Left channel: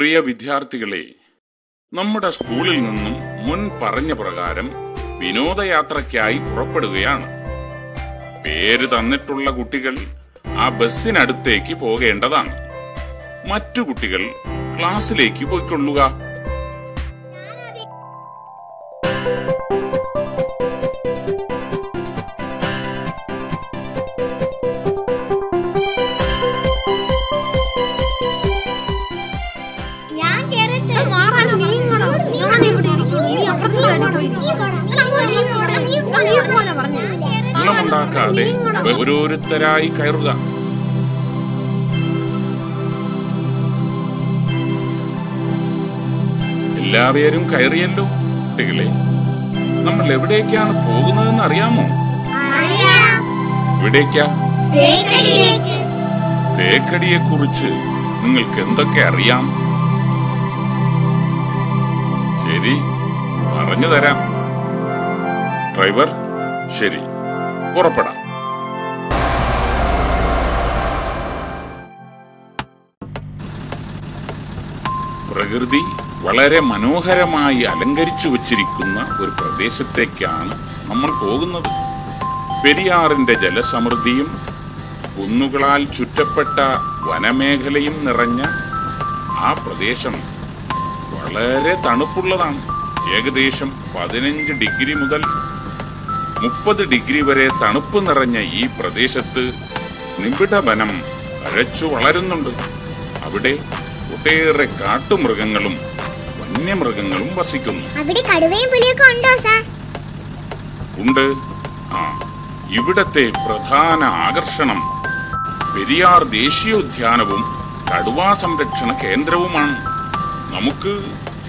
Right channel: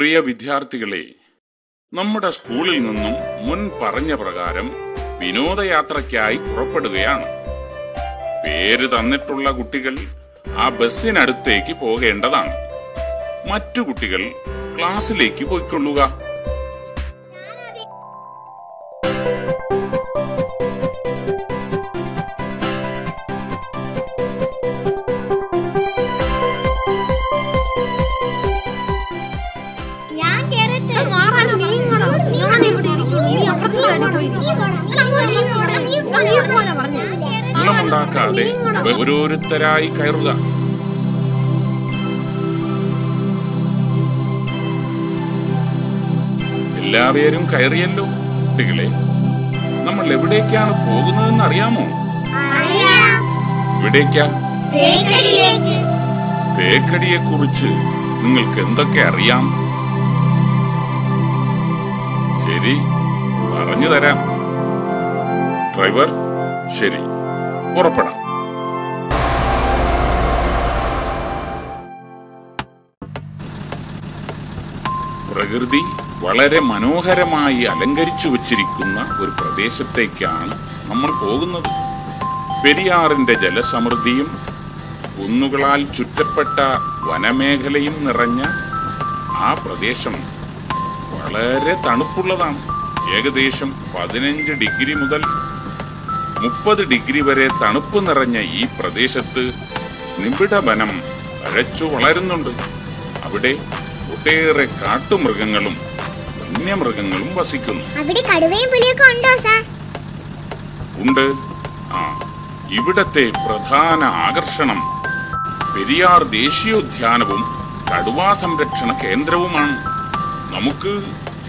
പ്രിയ വിദ്യാർത്ഥികളെ, നമ്മുടെ സ്കൂളിൽ നിന്നും മുൻ പറഞ്ഞ പ്രകാരം വിനോദയാത്രയ്ക്കായി പുറപ്പെടുകയാണ്. പേര് തന്നിട്ടുള്ള കുട്ടികൾ ആ ബസ്സിനടുത്തേക്ക് പോകേണ്ടതാണ്. മറ്റു കുട്ടികൾ ക്ലാസ്സിലേക്ക് പോയിക്കൊള്ളുക. ണ്ടാക്കാതെ ഓരോരുത്തരായി കയറുക. എല്ലാവരും കയറിയല്ലോ. കുട്ടികളെ, നമ്മൾ എവിടേക്കാണ് പോകുന്നതെന്ന് അറിയാമോ? എവിടേക്കാ? തേക്കടിയെ കുറിച്ച് നിങ്ങൾക്ക് എന്തൊക്കെ അറിയാം? ശരി, പറഞ്ഞു തരാം. ഡ്രൈവർ, ശരി, പുറപ്പെടാം. പ്രകൃതി വളരെ മനോഹരമായി അലങ്കരിച്ചു വച്ചിരിക്കുന്ന ഒരു പ്രദേശത്തേക്കാണ് നമ്മൾ പോകുന്നത്. പെരിയാറിന്റെ ജലസമൃദ്ധിയും കുന്നുകളാൽ ചുറ്റപ്പെട്ട വനമേഖലയും നിറഞ്ഞ ആ പ്രദേശം വളരെ തണുപ്പുള്ളതാണ്. ഏകദേശം 15 ഡിഗ്രി മുതൽ 30 ഡിഗ്രി വരെ തണുപ്പ് നിറഞ്ഞ ഈ പ്രദേശത്ത് നിബിഡ വനം തഴച്ചു വളരുന്നുണ്ട്. അവിടെ ഒട്ടേറെ കാട്ടുമൃഗങ്ങളും വന്യമൃഗങ്ങളും വസിക്കുന്നു. അവിടെ കടുവയും പുലിയൊക്കെ ഉണ്ടോ സാർ? ഉണ്ട്. ഇവിടത്തെ പ്രധാന ആകർഷണം പെരിയാർ ദേശീയോദ്യാനവും കടുവാ സംരക്ഷണ കേന്ദ്രവുമാണ്. നമുക്ക്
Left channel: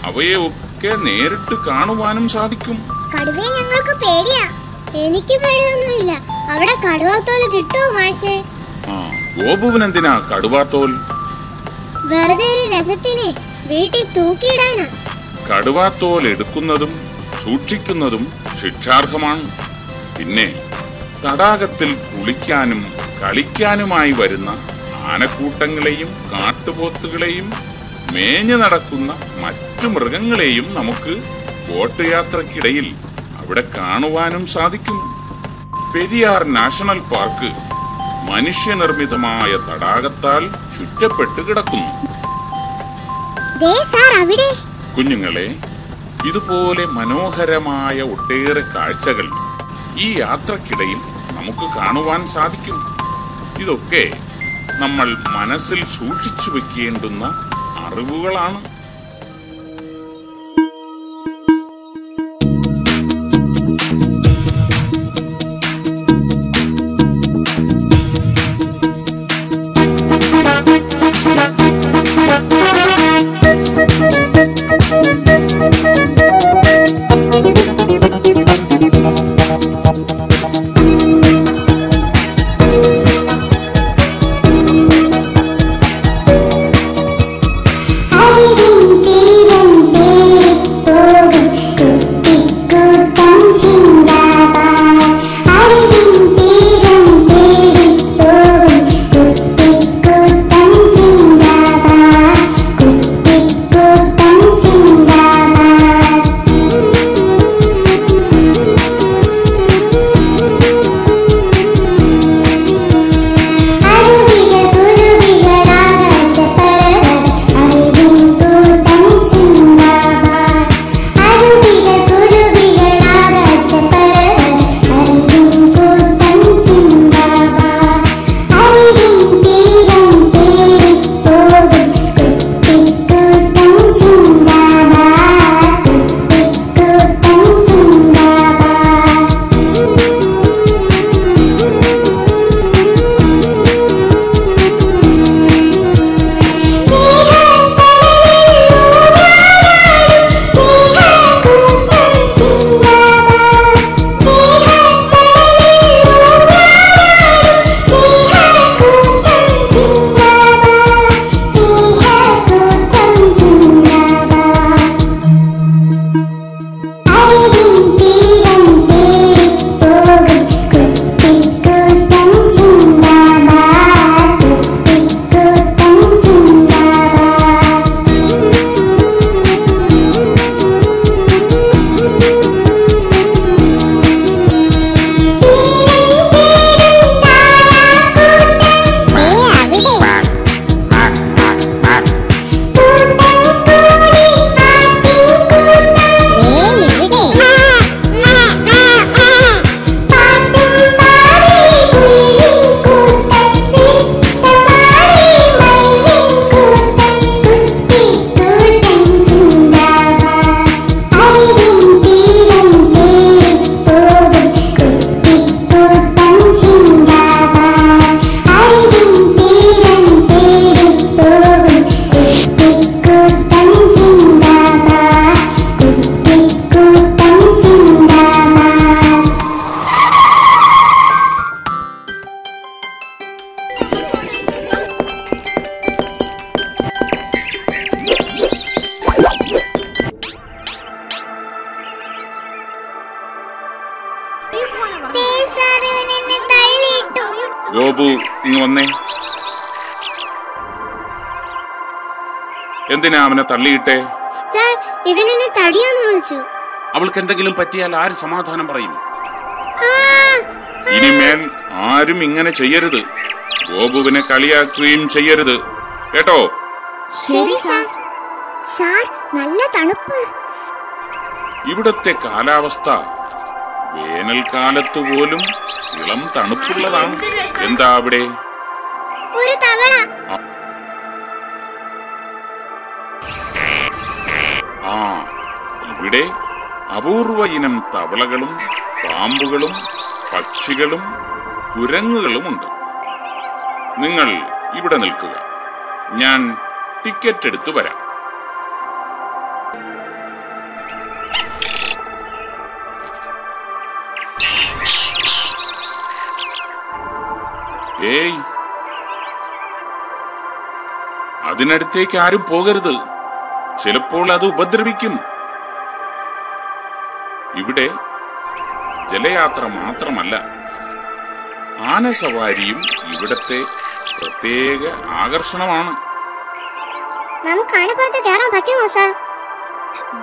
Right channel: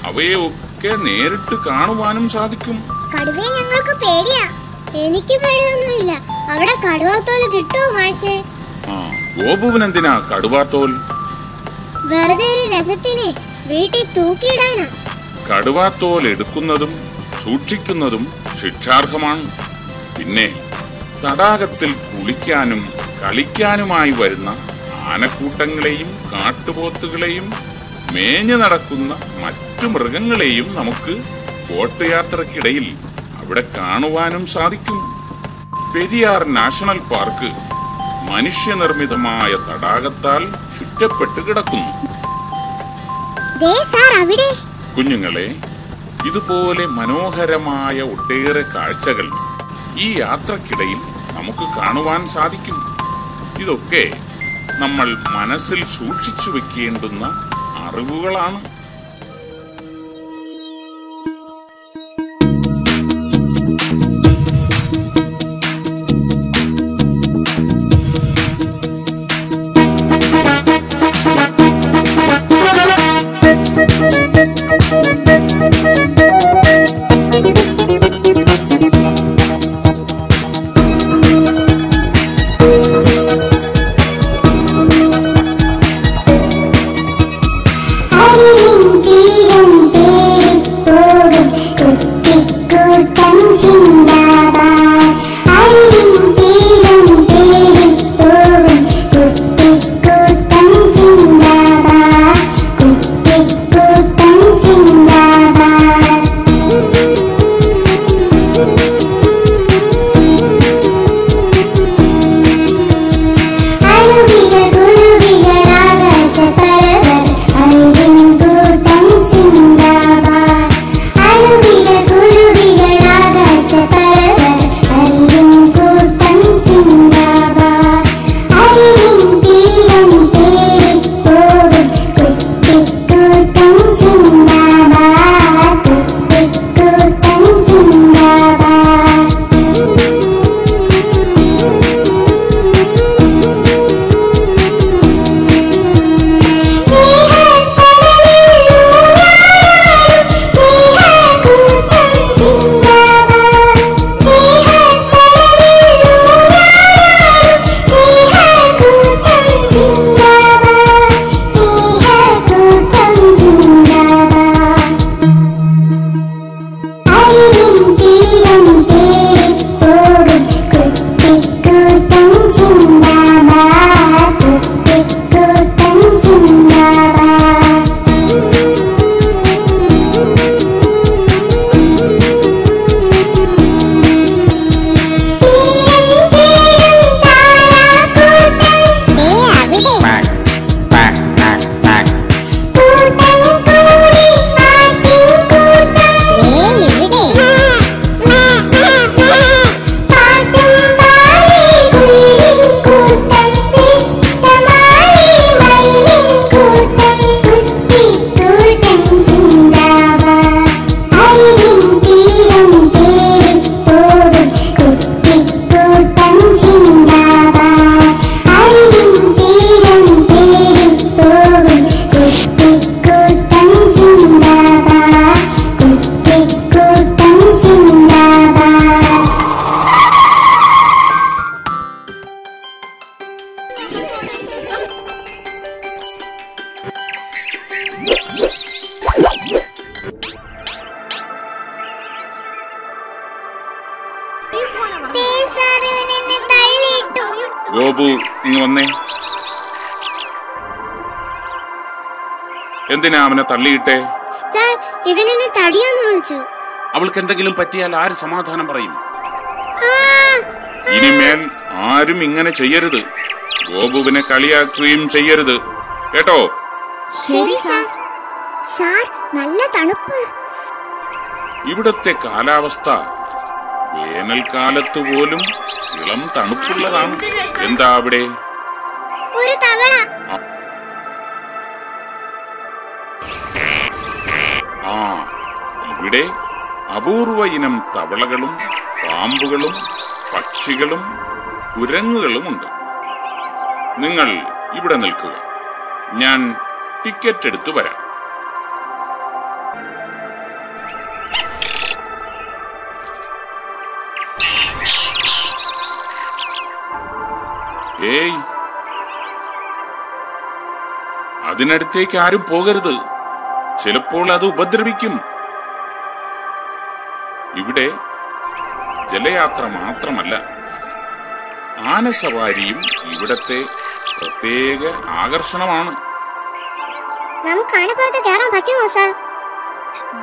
അവയെ ഒക്കെ നേരിട്ട് കാണുവാനും സാധിക്കും. കടുവയെ ഞങ്ങൾക്ക് പേടിയാ. എനിക്ക് പേടിയൊന്നുമില്ല. അവിടെ കടുവാത്തോൽ കിട്ടുമോ മാഷേ? ഗോപുവിനെന്തിനാ കടുവാത്തോൽ? വെറുതെ ഒരു രസത്തിന് വീട്ടിൽ തൂക്കിയിടാനാ. കടുവാത്തോൽ എടുക്കുന്നതും സൂക്ഷിക്കുന്നതും ശിക്ഷാർഹമാണ്. പിന്നെ തടാകത്തിൽ കുളിക്കാനും കളിക്കാനുമായി വരുന്ന ആനക്കൂട്ടങ്ങളെയും കാട്ടുപോത്തുകളെയും മേഞ്ഞു നടക്കുന്ന മറ്റു മൃഗങ്ങളെയും നമുക്ക് ബോട്ട് യാത്രക്കിടയിൽ അവിടെ കാണുവാനും സാധിക്കും. പെരിയാർ നാഷണൽ പാർക്ക് മനുഷ്യനിർമ്മിതമായ തടാകത്താൽ ചുറ്റപ്പെട്ട് കിടക്കുന്നു. കുഞ്ഞുങ്ങളെ, ഇതുപോലെ മനോഹരമായ ഒട്ടേറെ കാഴ്ചകൾ ഈ യാത്രക്കിടയിൽ നമുക്ക് കാണുവാൻ സാധിക്കും. ഇതൊക്കെ നമ്മൾ മനസ്സിൽ സൂക്ഷിച്ചു വെക്കേണ്ടുന്ന അറിവുകളാണ്. ഗോപു ഇങ്ങ് വന്നേ. എന്തിനാ അവനെ തള്ളിയിട്ടേ? അവൾക്ക് എന്തെങ്കിലും പറ്റിയാൽ ആര് സമാധാനം പറയും? ഇനിമേൽ ആരും ഇങ്ങനെ ചെയ്യരുത്. ഗോപുവിനെ കളിയാക്കുകയും ചെയ്യരുത്, കേട്ടോ? ശരി സാർ. സാർ, നല്ല തണുപ്പ്. ഇവിടത്തെ കാലാവസ്ഥ വേനൽക്കാലത്ത് പോലും ഇളം തണുപ്പുള്ളതാണ്. എന്താ അവിടെ? ഒരു തവള. ആ, ഇവിടെ അപൂർവ ഇനം തവളകളും പാമ്പുകളും പക്ഷികളും കുരങ്ങുകളും ഉണ്ട്. നിങ്ങൾ ഇവിടെ നിൽക്കുക, ഞാൻ ടിക്കറ്റ് എടുത്തു വരാം. ഏയ്, അതിനടുത്തേക്ക് ആരും പോകരുത്. ചിലപ്പോൾ അത് ഉപദ്രവിക്കും. ഇവിടെ ജലയാത്ര മാത്രമല്ല, ആനസവാരിയും ഇവിടത്തെ പ്രത്യേക ആകർഷണമാണ്. നമുക്ക് ആനപ്പുറത്ത് കയറാൻ പറ്റുമോ സാർ?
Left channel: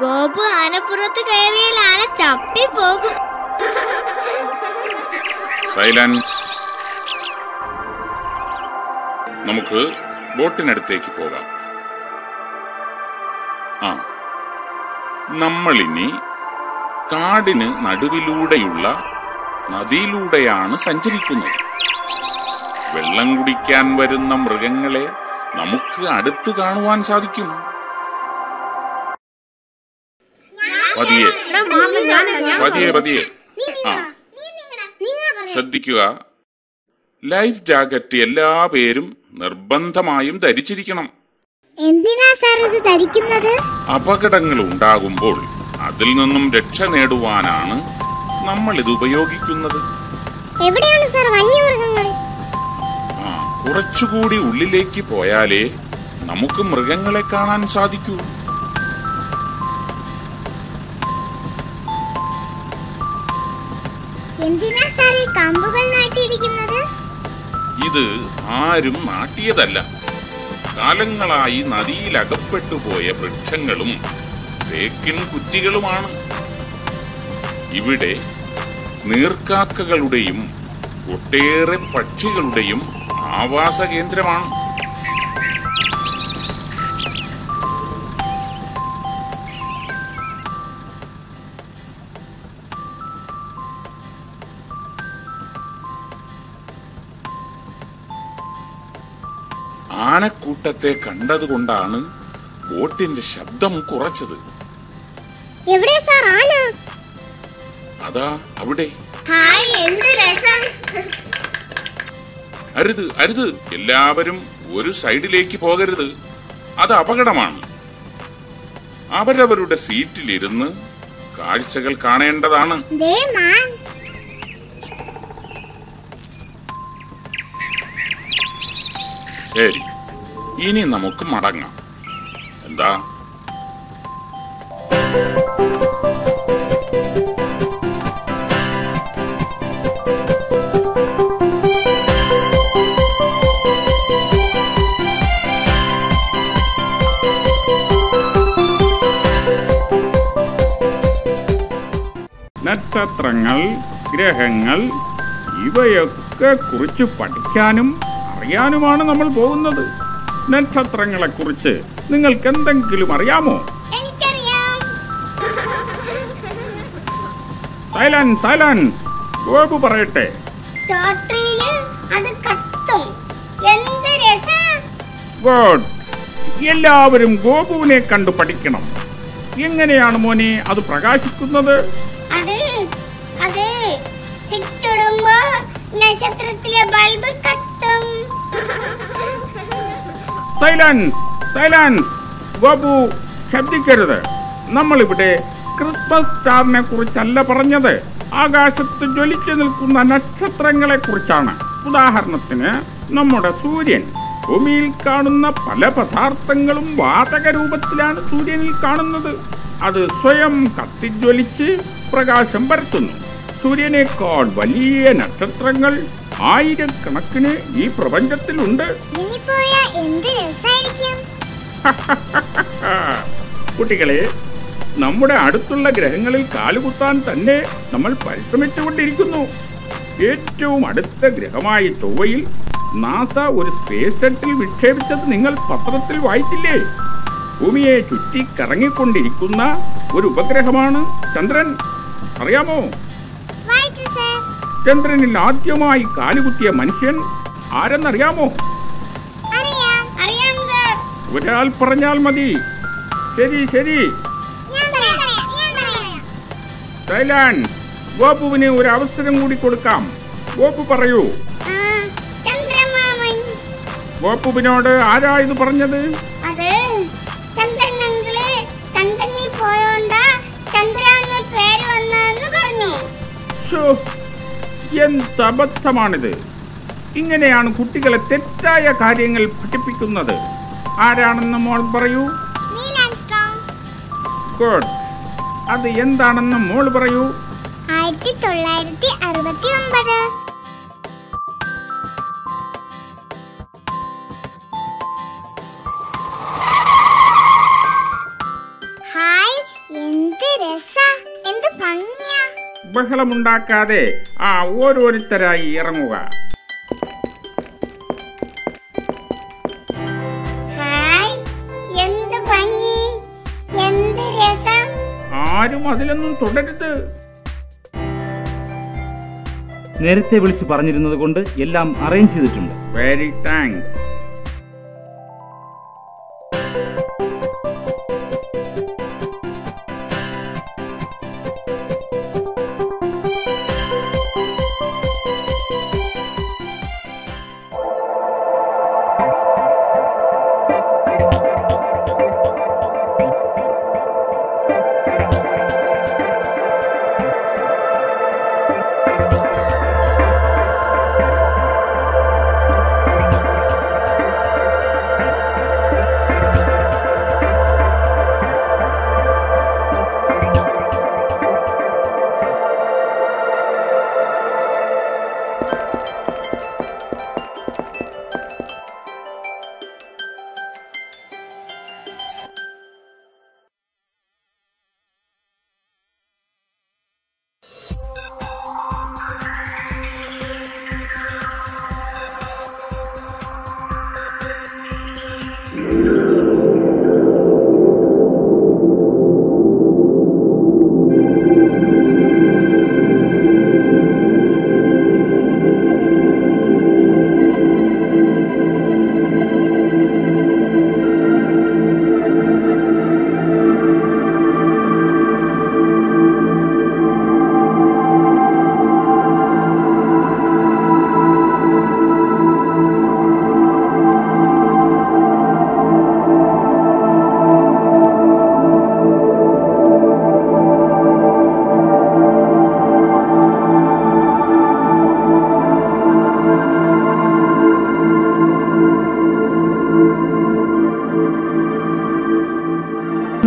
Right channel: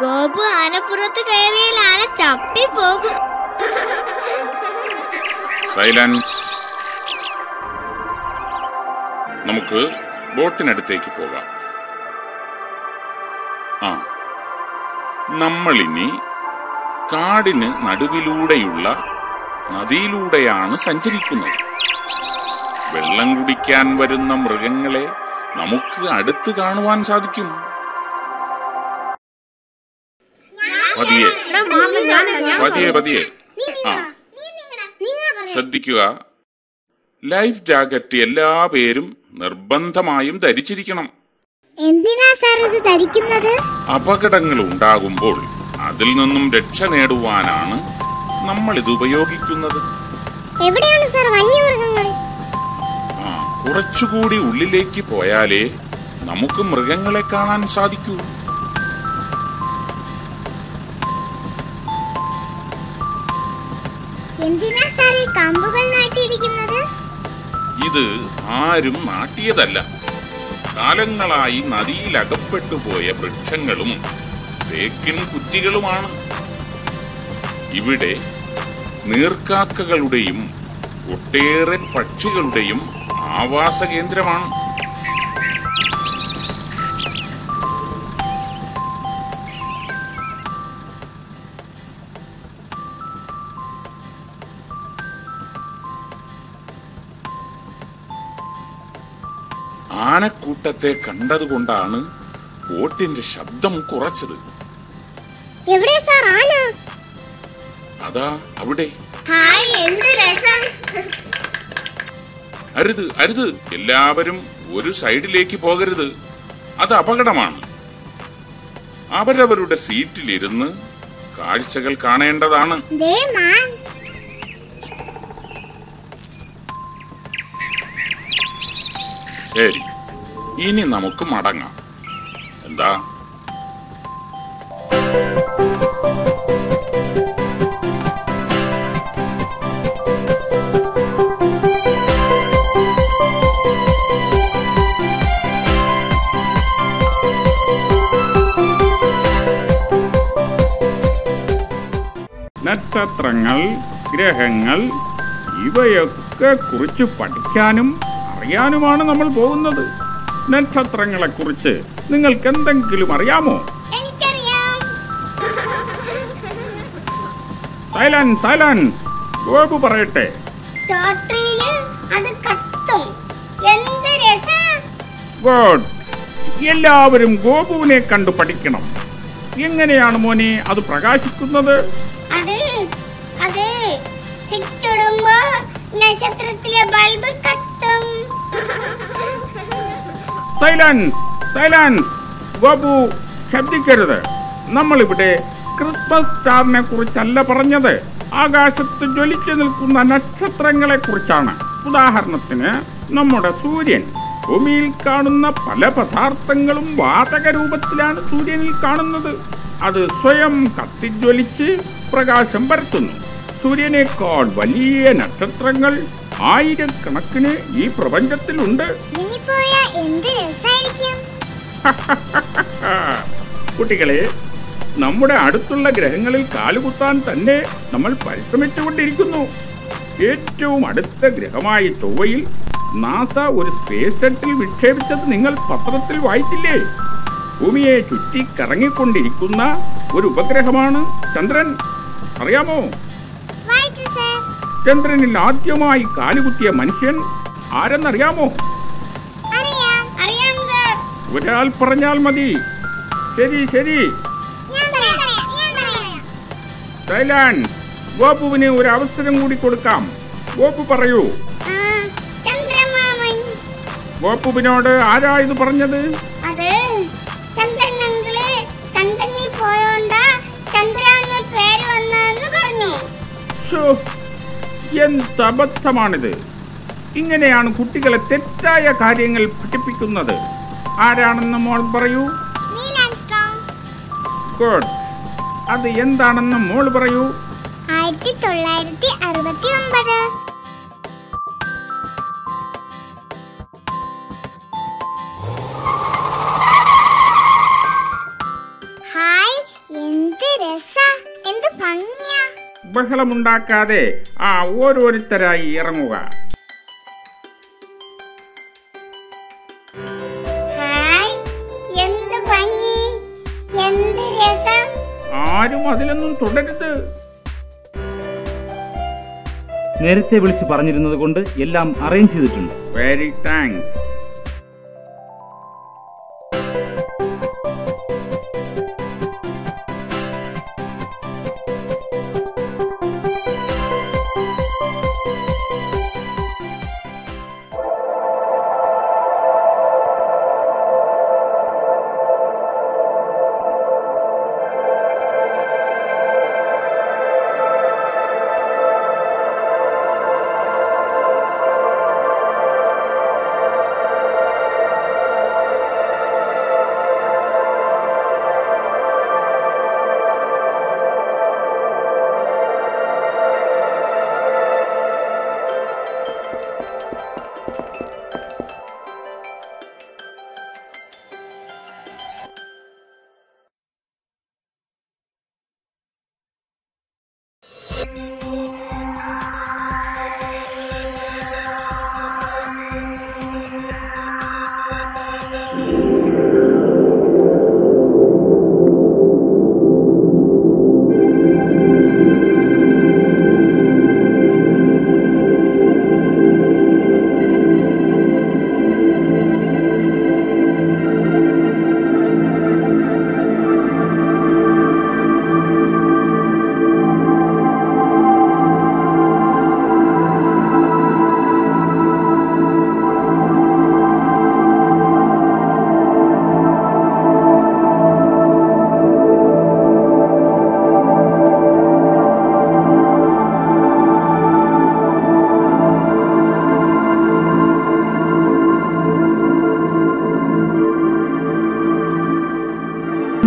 ഗോപു ആനപ്പുറത്ത് കയറിയാൽ ആന ചപ്പി പോകും. സൈലൻസ്. നമുക്ക് ബോട്ടിനടുത്തേക്ക് പോകാം. നമ്മളിനി കാടിന് നടുവിലൂടെയുള്ള നദിയിലൂടെയാണ് സഞ്ചരിക്കുന്നത്. വെള്ളം കുടിക്കാൻ വരുന്ന മൃഗങ്ങളെ നമുക്ക് അടുത്ത് കാണുവാൻ സാധിക്കും. പതിയെ പതിയെ. ശ്രദ്ധിക്കുക, ലൈഫ് ജാക്കറ്റ് എല്ലാ പേരും നിർബന്ധമായും ധരിച്ചിരിക്കണം. എന്തിനാ സാർ ഇത് ധരിക്കുന്നത്? അപകടങ്ങൾ ഉണ്ടാകുമ്പോൾ അതിൽ നിന്നും രക്ഷ നേടുവാനാണ് നമ്മൾ ഇത് ഉപയോഗിക്കുന്നത്. എവിടെയാണ് സാർ വന്യമൃഗങ്ങൾ? കുറച്ചുകൂടി ഉള്ളിലേക്ക് പോയാലേ നമുക്ക് മൃഗങ്ങളെ കാണാൻ സാധിക്കൂ. എന്തിനാ സാർ ഈ കമ്പുകൾ നാട്ടിയിരിക്കുന്നത്? ഇത് ആരും നാട്ടിയതല്ല. കാലങ്ങളായി നദിയിൽ അകപ്പെട്ടുപോയ വൃക്ഷങ്ങളും തേക്കിൻ കുറ്റികളുമാണ്. ഇവിടെ നീർക്കാക്കകളുടെയും ഒട്ടേറെ പക്ഷികളുടെയും ആവാസ കേന്ദ്രമാണ്. ആനക്കൂട്ടത്തെ കണ്ടതുകൊണ്ടാണ് ബോട്ടിന്റെ ശബ്ദം കുറച്ചത്. അതാ അവിടെ. അരുത് അരുത്, എല്ലാവരും ഒരു സൈഡിലേക്ക് പോകരുത്. അത് അപകടമാണ്. അവരവരുടെ സീറ്റിലിരുന്ന് കാഴ്ചകൾ കാണേണ്ടതാണ്. ശരി, ഇനി നമുക്ക് മടങ്ങാം. എന്താ? നക്ഷത്രങ്ങൾ, ഗ്രഹങ്ങൾ ഇവയൊക്കെ കുറിച്ച് പഠിക്കാനും അറിയാനുമാണ് നമ്മൾ പോകുന്നത്. നക്ഷത്രങ്ങളെ കുറിച്ച് നിങ്ങൾക്ക് എന്തെങ്കിലും അറിയാമോ? Silence, silence. ഗോപു പറയട്ടെ. ഗുഡ്. എല്ലാവരും ഗോപുവിനെ കണ്ടു പഠിക്കണം. എങ്ങനെയാണ് മോനെ അത് പ്രകാശിക്കുന്നത്? നക്ഷത്രത്തിലെ ബൾബ് കത്തും. Silence, silence. ഗോപു ശബ്ദിക്കരുത്. നമ്മളിവിടെ ക്രിസ്മസ് സ്റ്റാറിനെ കുറിച്ചല്ല പറഞ്ഞത്, ആകാശത്ത് ജ്വലിച്ചു നിൽക്കുന്ന നക്ഷത്രങ്ങളെ കുറിച്ചാണ്. ഉദാഹരണത്തിന് നമ്മുടെ സൂര്യൻ. ഭൂമിയിൽ കാണുന്ന പല പദാർത്ഥങ്ങളും വാതക രൂപത്തിലാണ് സൂര്യനിൽ കാണുന്നത്. അത് സ്വയം കത്തിജ്വലിച്ച് പ്രകാശം പരത്തുന്നു. സൂര്യനേക്കാൾ വലിയ നക്ഷത്രങ്ങൾ ആയിരക്കണക്കിന് ഈ പ്രപഞ്ചത്തിലുണ്ട്. കുട്ടികളെ, നമ്മുടെ അടുത്തുള്ള ഗ്രഹങ്ങളിൽ കാലുകുത്താൻ തന്നെ നമ്മൾ പരിശ്രമിച്ചുകൊണ്ടിരിക്കുന്നു. ഏറ്റവും അടുത്ത ഗ്രഹമായ ചൊവ്വയിൽ നാസ ഒരു സ്പേസ് ഷട്ടിൽ വിക്ഷേപിച്ചത് നിങ്ങൾ പത്രത്തിൽ വായിച്ചില്ലേ? ഭൂമിയെ ചുറ്റി കറങ്ങിക്കൊണ്ടിരിക്കുന്ന ഒരു ഉപഗ്രഹമാണ് ചന്ദ്രൻ. അറിയാമോ? ചന്ദ്രനിൽ ആദ്യമായി കാലുകുത്തിയ മനുഷ്യൻ ആരെന്നറിയാമോ? ഒരാൾ പറഞ്ഞാൽ മതി. ശരി ശരി. സൈലൻസ്. ഗോപുവിന് ഒരു അവസരം കൂടി കൊടുക്കാം. ഗോപു പറയൂ. ഗോപുവിനോട് ആരാ ഇത് പറഞ്ഞത്? എന്ത് അബദ്ധമാണിത്! ഇങ്ങനെയാണ് കുട്ടികളെ തെറ്റായ കാര്യങ്ങൾ പഠിപ്പിക്കുന്നത്. ആരാണെന്ന് മോൾ പറയൂ. ഗുഡ്. അത് എന്താണെന്ന് മോൾ പറയൂ. 1969. ഹായ്, എന്ത് രസാ, എന്ത് ഭംഗിയാ. ബഹളമുണ്ടാക്കാതെ ഓരോരുത്തരായി ഇറങ്ങുക. ഹായ്, എന്ത് ഭംഗി, എന്ത് രസം. ആരും അതിലൊന്നും തുടരുത്. നേരത്തെ വിളിച്ചു പറഞ്ഞിരുന്നത് കൊണ്ട് എല്ലാം അറേഞ്ച് ചെയ്തിട്ടുണ്ട്. Very thanks.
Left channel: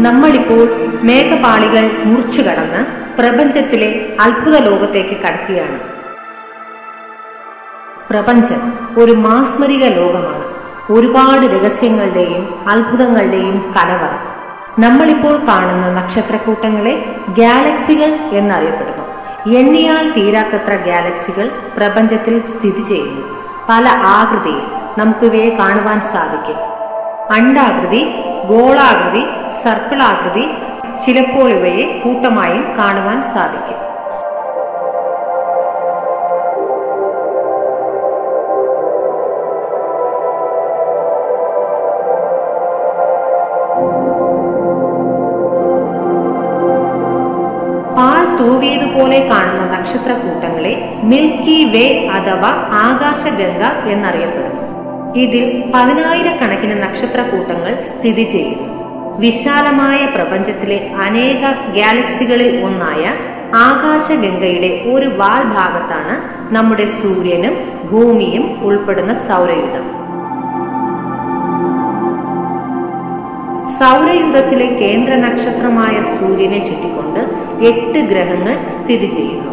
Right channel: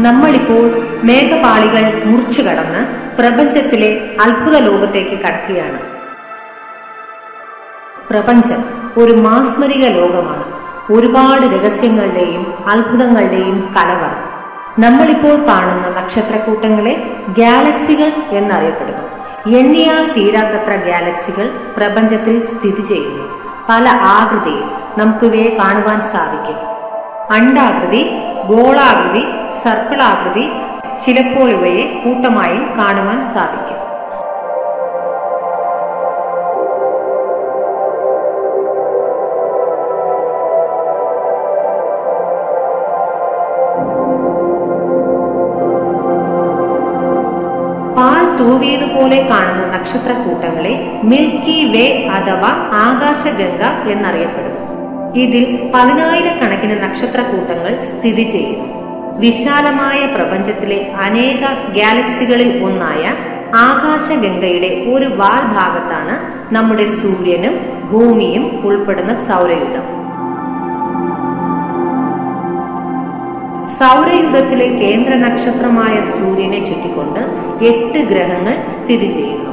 നമ്മളിപ്പോൾ മേഘപാളികൾ മുറിച്ചു കടന്ന് പ്രപഞ്ചത്തിലെ അത്ഭുത ലോകത്തേക്ക് കടക്കുകയാണ്. പ്രപഞ്ചം ഒരു മാസ്മരിക ലോകമാണ്. ഒരുപാട് രഹസ്യങ്ങളുടെയും അത്ഭുതങ്ങളുടെയും കലവറ. നമ്മളിപ്പോൾ കാണുന്ന നക്ഷത്രക്കൂട്ടങ്ങളെ ഗാലക്സികൾ എന്നറിയപ്പെടുന്നു. എണ്ണിയാൽ തീരാത്തത്ര ഗാലക്സികൾ പ്രപഞ്ചത്തിൽ സ്ഥിതി ചെയ്യുന്നു. പല ആകൃതിയിൽ നമുക്കിവയെ കാണുവാൻ സാധിക്കും. അണ്ഡാകൃതി, ഗോളാകൃതി, സർപ്പിളാകൃതി, ചിലപ്പോൾ ഇവയെ കൂട്ടമായും കാണുവാൻ സാധിക്കും. പാൽ തൂവിയതുപോലെ കാണുന്ന നക്ഷത്രക്കൂട്ടങ്ങളെ മിൽക്കി വേ അഥവാ ആകാശഗംഗ എന്നറിയപ്പെടുന്നു. ഇതിൽ 10,000-കണക്കിന് നക്ഷത്രക്കൂട്ടങ്ങൾ സ്ഥിതി ചെയ്യുന്നു. വിശാലമായ പ്രപഞ്ചത്തിലെ അനേക ഗാലക്സികളിൽ ഒന്നായ ആകാശഗംഗയുടെ ഒരു വാൽ ഭാഗത്താണ് നമ്മുടെ സൂര്യനും ഭൂമിയും ഉൾപ്പെടുന്ന സൗരയൂഥം. സൗരയൂഥത്തിലെ കേന്ദ്ര നക്ഷത്രമായ സൂര്യനെ ചുറ്റിക്കൊണ്ട് 8 ഗ്രഹങ്ങൾ സ്ഥിതി ചെയ്യുന്നു.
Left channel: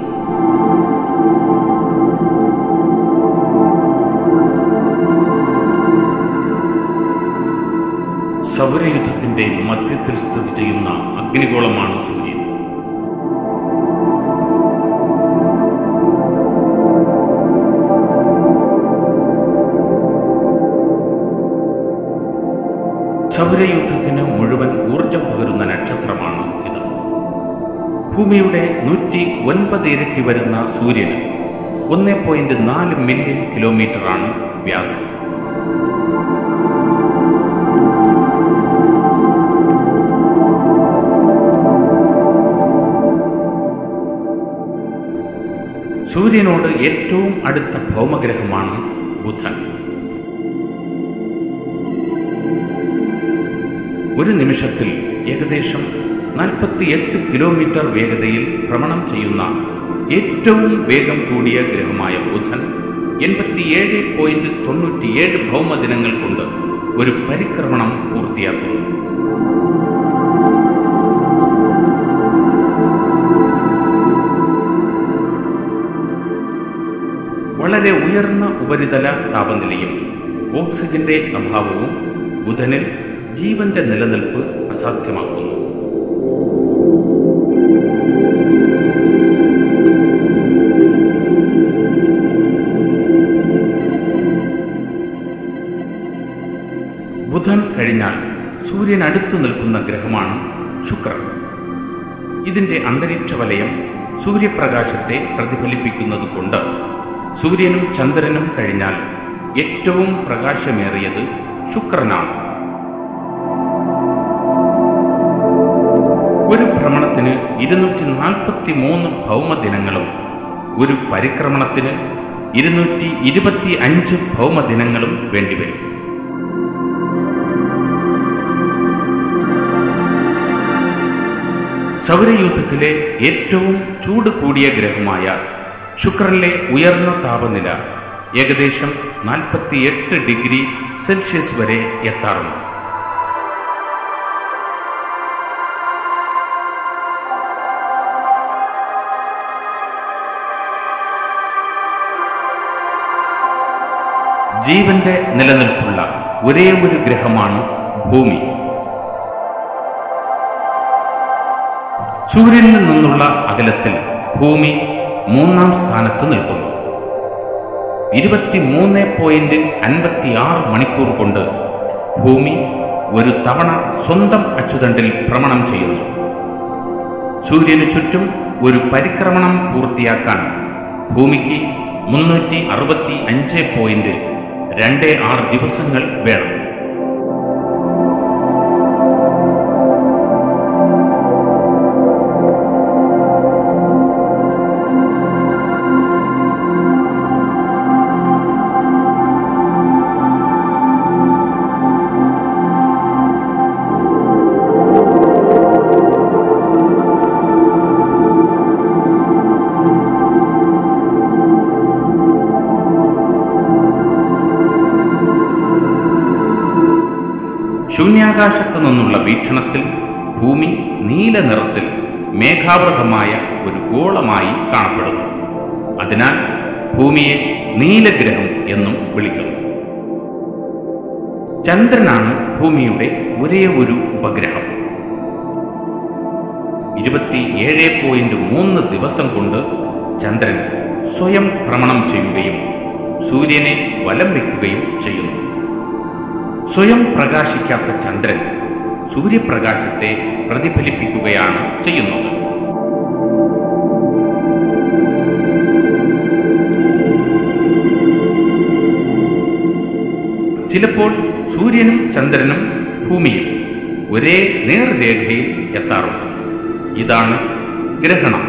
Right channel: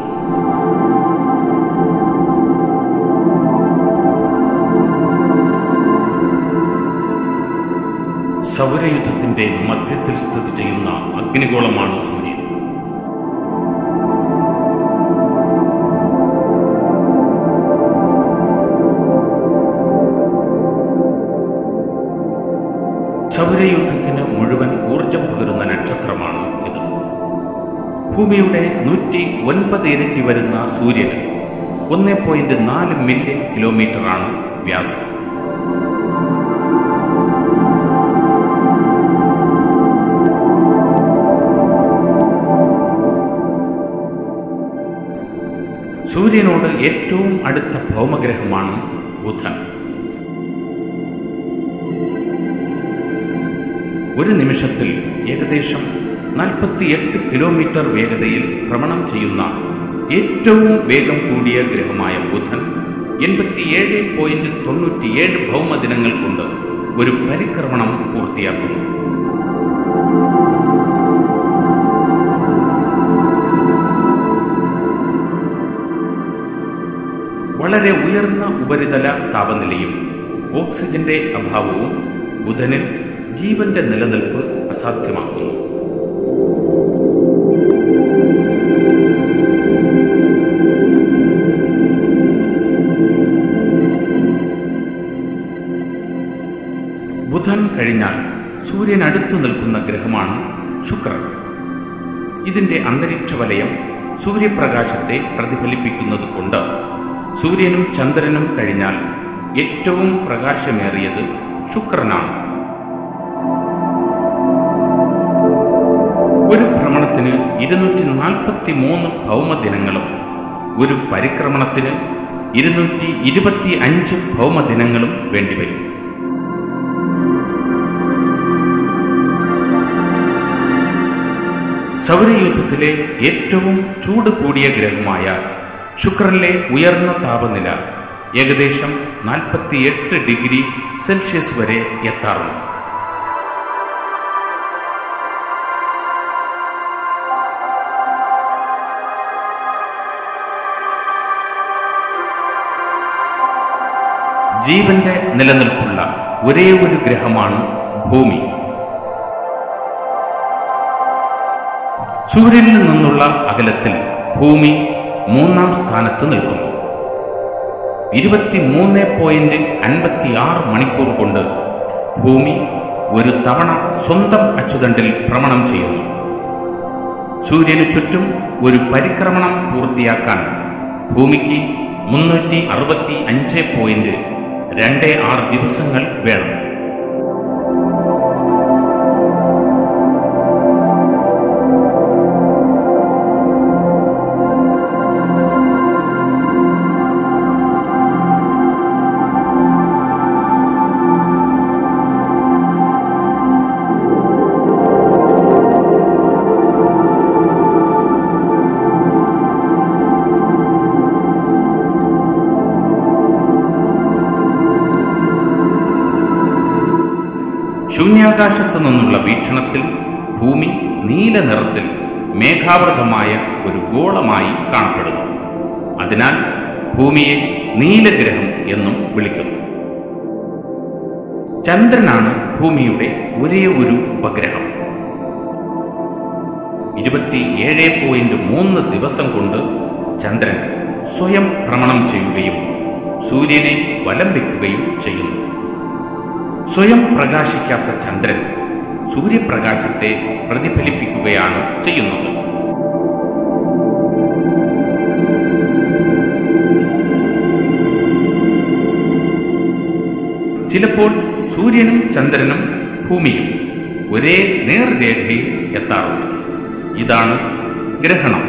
സൗരയുധത്തിന്റെ മധ്യത്തിൽ സ്ഥിതി ചെയ്യുന്ന അഗ്നിഗോളമാണ് സൂര്യൻ. സൗരയൂഥത്തിന് മുഴുവൻ ഊർജം പകരുന്ന നക്ഷത്രമാണ് ഇത്. ഭൂമിയുടെ 109 ഇരട്ടി വരുന്ന സൂര്യന് 1.4 മില്യൺ കിലോമീറ്ററാണ് വ്യാസം. സൂര്യനോട് ഏറ്റവും അടുത്ത ഭൗമഗ്രഹമാണ് ബുധൻ. ഒരു നിമിഷത്തിൽ ഏകദേശം 48 കിലോമീറ്റർ വേഗതയിൽ ഭ്രമണം ചെയ്യുന്ന ഏറ്റവും വേഗം കൂടിയ ഗ്രഹമായ ബുധൻ 87.97 ഭൗമദിനങ്ങൾ കൊണ്ട് ഒരു പരിക്രമണം പൂർത്തിയാക്കുന്നു. വളരെ ഉയർന്ന ഉപരിതല താപനിലയും ഓക്സിജന്റെ അഭാവവും ബുധനിൽ ജീവന്റെ നിലനിൽപ്പ് അസാധ്യമാക്കുന്നു. ബുധൻ കഴിഞ്ഞാൽ സൂര്യൻ അടുത്തു നിൽക്കുന്ന ഗ്രഹമാണ് ശുക്രൻ. ഇതിന്റെ അന്തരീക്ഷ വലയം സൂര്യപ്രകാശത്തെ പ്രതിഫലിപ്പിക്കുന്നത് കൊണ്ട് സൂര്യനും ചന്ദ്രനും കഴിഞ്ഞാൽ ഏറ്റവും പ്രകാശമേറിയത് ശുക്രനാണ്. ഒരു ഭ്രമണത്തിന് 243 ഭൗമദിനങ്ങളും ഒരു പരിക്രമണത്തിന് 225 ഭൗമദിനങ്ങളും വേണ്ടിവരും. സൗരയൂഥത്തിലെ ഏറ്റവും ചൂട് കൂടിയ ഗ്രഹമായ ശുക്രനിലെ ഉയർന്ന താപനില ഏകദേശം 48 ഡിഗ്രി സെൽഷ്യസ് വരെ എത്താറുണ്ട്. ജീവന്റെ നിലനിൽപ്പുള്ള ഒരേ ഒരു ഗ്രഹമാണ് ഭൂമി. സൂര്യനിൽ നിന്നുള്ള അകലത്തിൽ ഭൂമി 3-ാം സ്ഥാനത്ത് നിൽക്കുന്നു. 23.56 മണിക്കൂർ കൊണ്ട് ഭൂമി ഒരു തവണ സ്വന്തം അച്ചുതണ്ടിൽ ഭ്രമണം ചെയ്യുന്നു. സൂര്യനു ചുറ്റും ഒരു പരിക്രമണം പൂർത്തിയാക്കാൻ ഭൂമിക്ക് 365.26 ദിവസങ്ങൾ വേണം. ശൂന്യാകാശത്തു നിന്നുള്ള വീക്ഷണത്തിൽ ഭൂമി നീല നിറത്തിൽ മേഘാവൃതമായ ഒരു ഗോളമായി കാണപ്പെടുന്നു. അതിനാൽ ഭൂമിയെ നീലഗ്രഹം എന്നും വിളിക്കുന്നു. ചന്ദ്രനാണ് ഭൂമിയുടെ ഒരേ ഒരു ഉപഗ്രഹം. 27.3 ദിവസം കൊണ്ട് ചന്ദ്രൻ സ്വയം ഭ്രമണം ചെയ്യുകയും സൂര്യനെ വലം വയ്ക്കുകയും ചെയ്യുന്നു. സ്വയം പ്രകാശിക്കാത്ത ചന്ദ്രൻ സൂര്യപ്രകാശത്തെ പ്രതിഫലിപ്പിക്കുകയാണ് ചെയ്യുന്നത്. ചിലപ്പോൾ സൂര്യനും ചന്ദ്രനും ഭൂമിയും ഒരേ നേർരേഖയിൽ എത്താറുണ്ട്. ഇതാണ് ഗ്രഹണം.